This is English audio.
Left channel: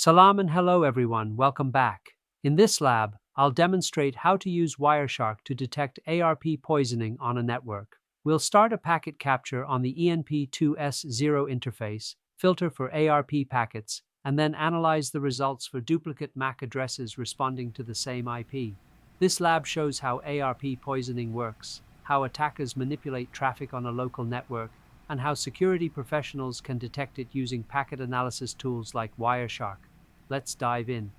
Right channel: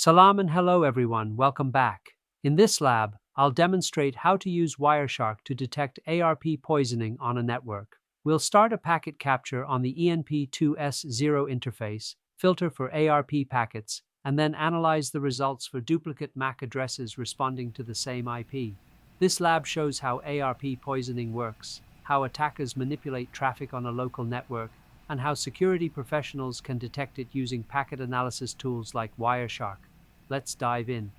Salam and hello everyone, welcome back. In this lab, I'll demonstrate how to use Wireshark to detect ARP poisoning on a network. We'll start a packet capture on the ENP2S0 interface, filter for ARP packets, and then analyze the results for duplicate MAC addresses responding to the same IP. This lab shows how ARP poisoning works, how attackers manipulate traffic on a local network, and how security professionals can detect it using packet analysis tools like Wireshark. Let's dive in.